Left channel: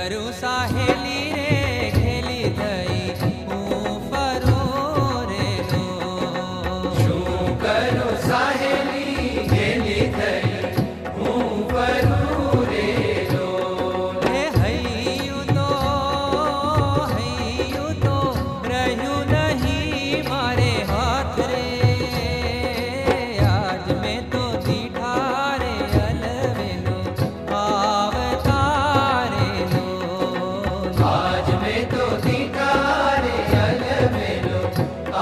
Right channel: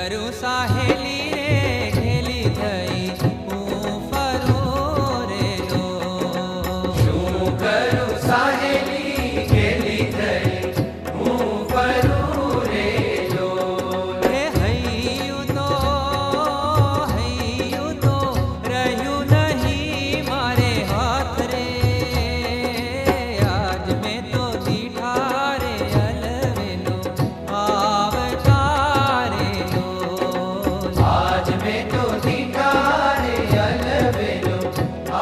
करूं साहेली रे घेली थई हूँ फरूं रे लो। શું કરું સાહેલી ઘેલી થઈ હું ફરું રે લોલ। હે હૈયું તો રહ્યું નહીં મારે હાથ રે આજ મેં તો દીઠા રે અલવેલો આવતારે લો। આજ મેં તો દીઠા રે અલવેલો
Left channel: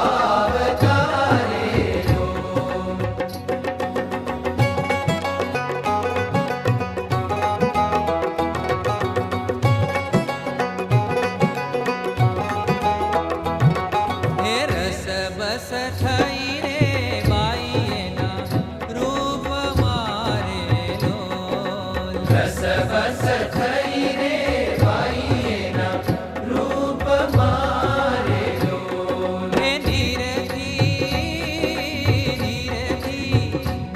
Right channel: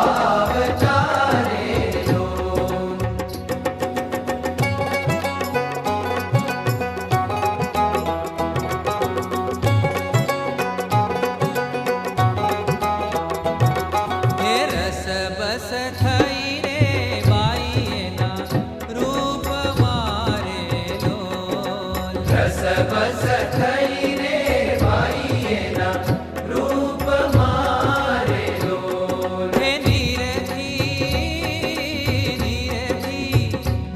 આવતા રે લોલ। હે રસ બસ થઈ રે બાઈ એના રૂપ મારે લોલ। રસ બસ થઈ રે બાઈ એના રૂપ મારે લોલ। હે નીરથી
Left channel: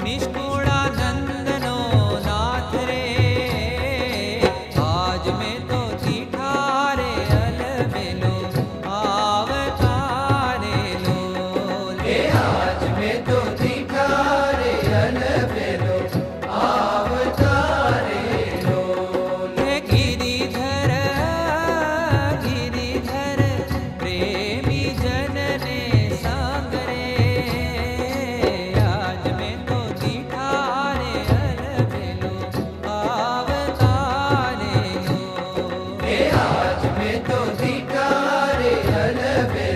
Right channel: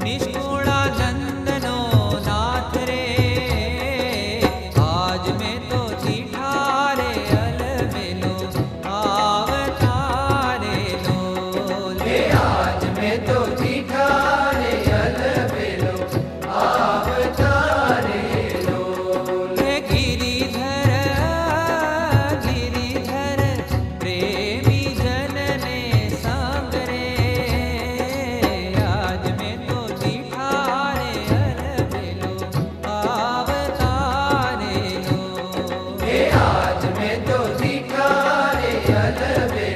નિષ્કુળાનંદનો નાથ રે આજ મેં તો દીઠા રે અલવેલો આવતારે લોલ। હે આજ મેં તો દીઠા રે અલવેલો આવતા રે લોલ। હે ગિરિધર પ્રેમી જનને સંગ રે આજ મેં તો દીઠા રે અલવેલો આવતારે લો। હે આજ મેં તો દીઠા રે અલવેલો